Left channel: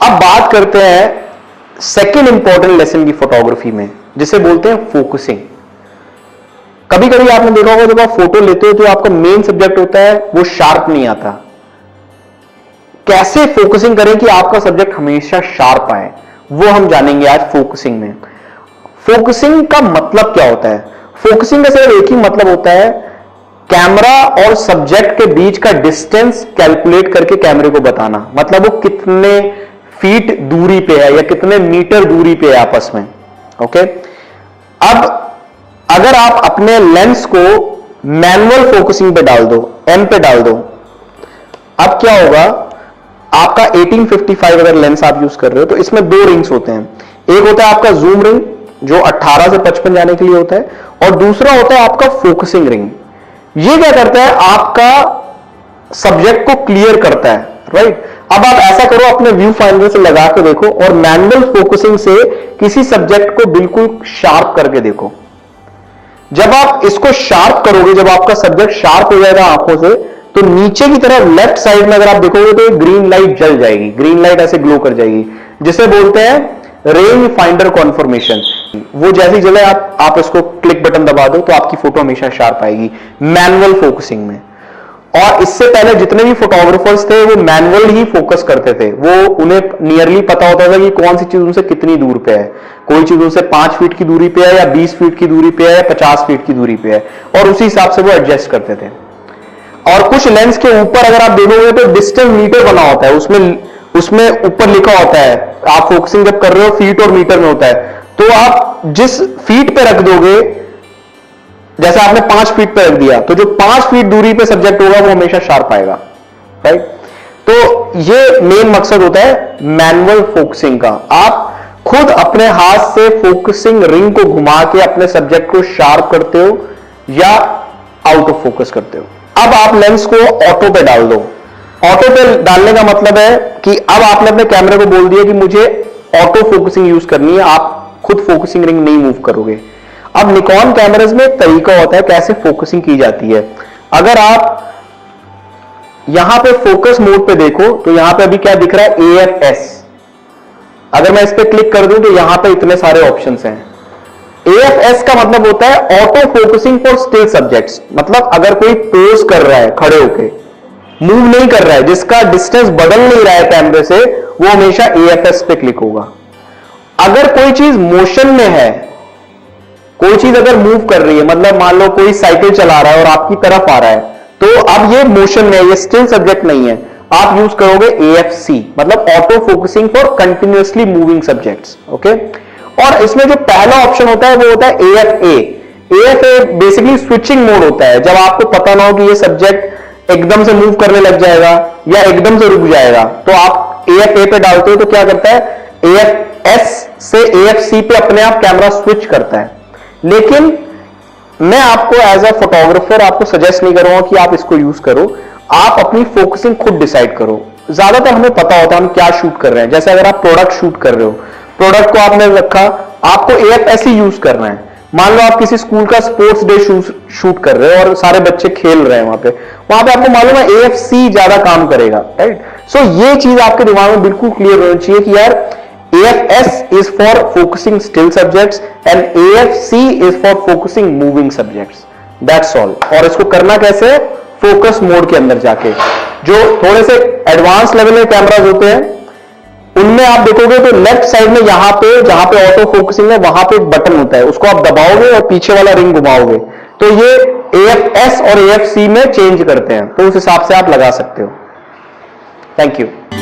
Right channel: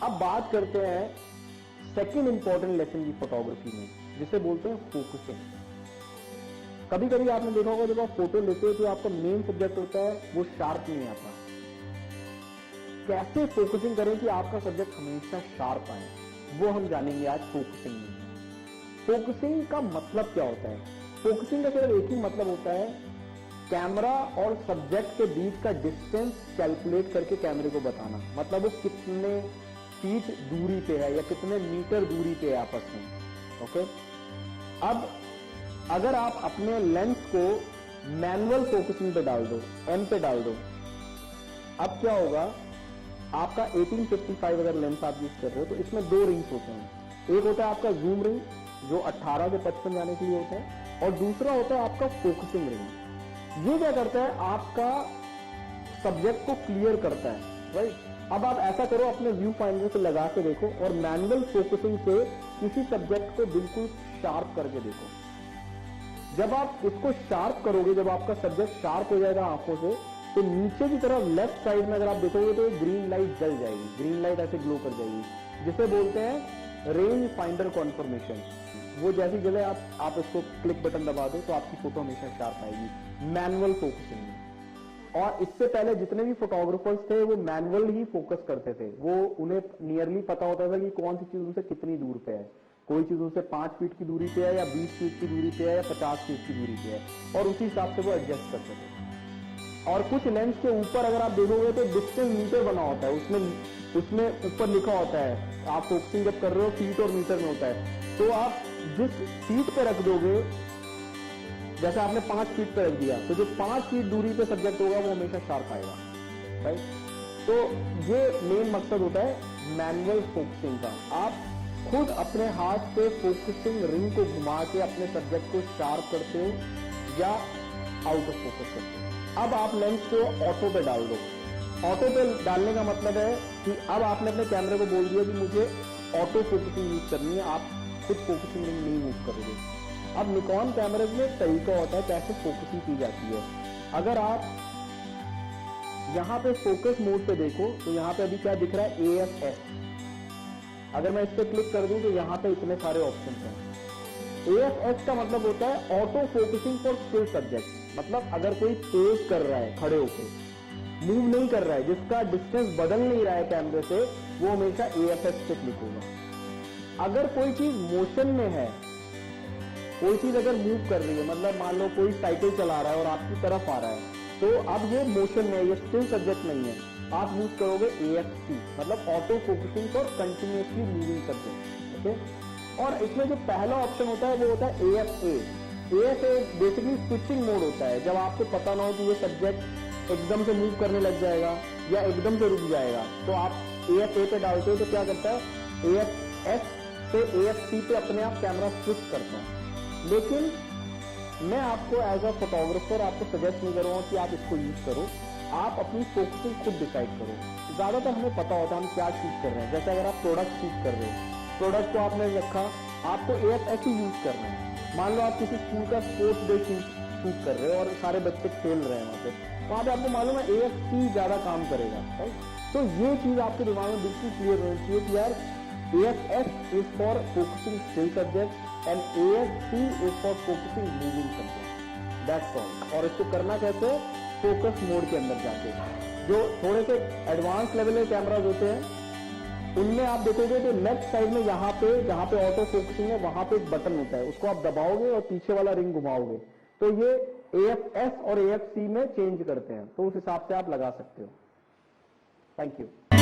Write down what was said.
अब बात करते हैं सेकेंड इंपॉर्टेंट लेसन की फोटोग्राफी में, जिसे बोलते हैं फोकसिंग। कभी कभी आपने देखा होगा जब आप फोटो लेते हो तो आपका मेन सब्जेक्ट होता है वो शार्प नहीं आता। कैसे फोकसिंग करें कि आपका सब्जेक्ट हमेशा शार्प आए, वो हम जानेंगे आज फोकसिंग में। फोकसिंग का मतलब क्या होता है? फोकसिंग का सिर्फ एक ही मतलब होता है, कैमरा और सब्जेक्ट के बीच का डिस्टेंस कैलकुलेट करके कैमरे को बताना। मतलब वो कितने फीट दूरी पे है या कितने मीटर दूरी पे है आपस में। ओके, अब अगर आप अपने लेंस को मैनुअल फोकसिंग पे डाल दो, एम पे डाल दो, अब क्या होगा, आपका 1855 अगर लेंस आप यूज कर रहे हो तो इसमें दो रिंग्स होते हैं। एक होता है आपका जूम रिंग जो 18 से 55 जाने के लिए होता है, और दूसरा होता है आपका फोकसिंग रिंग। ये क्या करता है, आपका सब्जेक्ट को क्लियर करता है, राइट। अब आप ऐसा करो, अपने व्यू फाइंडर से लगा के देखो और मैनुअल फोकसिंग से किसी सब्जेक्ट को बिल्कुल शार्प करके देखो। जब आप इसको शार्प करोगे, जब आपका सब्जेक्ट शार्प हो जाएगा आंखों से, तो नीचे की तरफ लेफ्ट साइड में अगर आप देखोगे तो ग्रीन लाइट जल जाएगी, ग्रीन लाइट ऐसे ग्लो कर जाएगी, जिसे बोलते हैं रेंज फाइंडर कॉन्फर्मेशन। वो जैसी जले आप इसको क्लिक बटन दबा दो तो आपकी फोटो हमेशा शार्प आएगी मैनुअल फोकसिंग में। और इससे पहले जितने भी फोटोग्राफर्स थे वो मैनुअल ही फोकस करते थे। वो उन्हें नियरली पता होता था कि कौन सी चीज उनसे कितनी दूर पे है। कोई चीज उनसे 5 फीट की दूरी पे है या 20 फीट की दूरी पे है या 50 फीट की दूरी पे है, और उसी हिसाब से वो एडजस्ट करते थे। और कुछ लेंस के ऊपर अगर आप देखोगे तो डिस्टेंस मीटर बना होता है, उसमें ऊपर लिखा होता है, आप फोकसिंग जब कर रहे हो फीट और मीटर में होता है, तो आप जिस फीट पे रख दोगे, जैसे आपने 5 फीट पे रख दिया तो जो 5 फीट दूरी पे सब्जेक्ट होगा वो हमेशा शार्प आएगा, राइट। तो ये मेन मकसद होता है मैनुअल फोकसिंग का। आप खुद अपने हाथ से फोकसिंग रिंग को घुमा के अपने सब्जेक्ट को शार्प करते हो या आउट ऑफ फोकस करते हो। अब आप लेंस को ऑटो पे डाल दो। ऑटो पे डालने का मतलब है कि अब आपने अपने कैमरे को बोल दिया कि मुझे ऑटो फोकसिंग यूज करनी है, आप खुद फोकसिंग रिंग नहीं मूव करोगे। अब निकॉन कैमरास में एक तरीका होता है कैसे फोकसिंग की जाती है। अगर आप यहां पे फोकस मोड पे देखो तो यहां पे अभी क्या दिख रहा है, AFS। अगर मैं इस पे क्लिक कर दूं तो यहां पे इतने सारे ऑप्शंस हैं। AFS का मतलब होता है auto focusing for still subjects. मतलब अगर कोई पोज कर रहा है खड़े होके, मूव नहीं कर रहा है, जिसका डिस्टेंस बदल नहीं रहा है कैमरे से, वो हमेशा AFS पे क्लिक होगा। अगर कोई चीज मोशन में है, कोई चीज अगर मूव कर रही है, मतलब मान लो कोई साइकिल चला रहा है और आपकी तरफ आ रहा है, तो अब ये मोशन में है, ये स्टिल सब्जेक्ट नहीं है, आप यूज करोगे AFC, मतलब auto focusing for continuously moving subjects. Okay, और इसमें जो पहला ऑप्शन होता है वो होता है AFA। AFA basically switching mode होता है, जब आपको पता ना हो कि ये सब्जेक्ट एकदम से मूव करने लग जाएगा या एकदम से रुक जाएगा, तो आप AFA पे डालते हो तो क्या करता है, AFS से AFC पे अपने आप कैमरा स्विच करता है। लेकिन मैं आपको एज अ फोटोग्राफर आपको सजेस्ट नहीं करूंगा कि आप इसको यूज करो। आप अपनी फोकसिंग खुद डिसाइड करो। ज्यादातर हमें पता होता है हम क्या शूट कर रहे हैं। जैसे अगर आप प्रोडक्ट शूट कर रहे हो, प्रोडक्ट को आपने रखा, आपको AFS ही यूज करना है। मान लो आप किसी स्कूल का स्पोर्ट्स डे शूट कर रहे हो और सारे बच्चे खेल रहे हैं, वहां पे आपको मालूम है AFC ज्यादा काम करेगा, राइट। सो ये चीज आपके दिमाग में बिल्कुल क्लियर होनी चाहिए कि यार AFS is for focusing still subjects and AFC is for focusing moving subjects. That's all. और इसको करना कैसे, फोकस मोड के अंदर जाके। जो थोड़े से एडवांस लेवल के कैमराज होते हैं उनमें आप देखोगे तो लेफ्ट साइड में यहां पे जहां पे ऑटो फोकसिंग है वहां पे एक बटन होता है, उसको आप दबाओगे और पीछे वाला रिंग घुमाओगे तो ये AFS और AFC में चेंज करते हैं, तो उस हिसाब से आप लगा सकते हो। Thank you.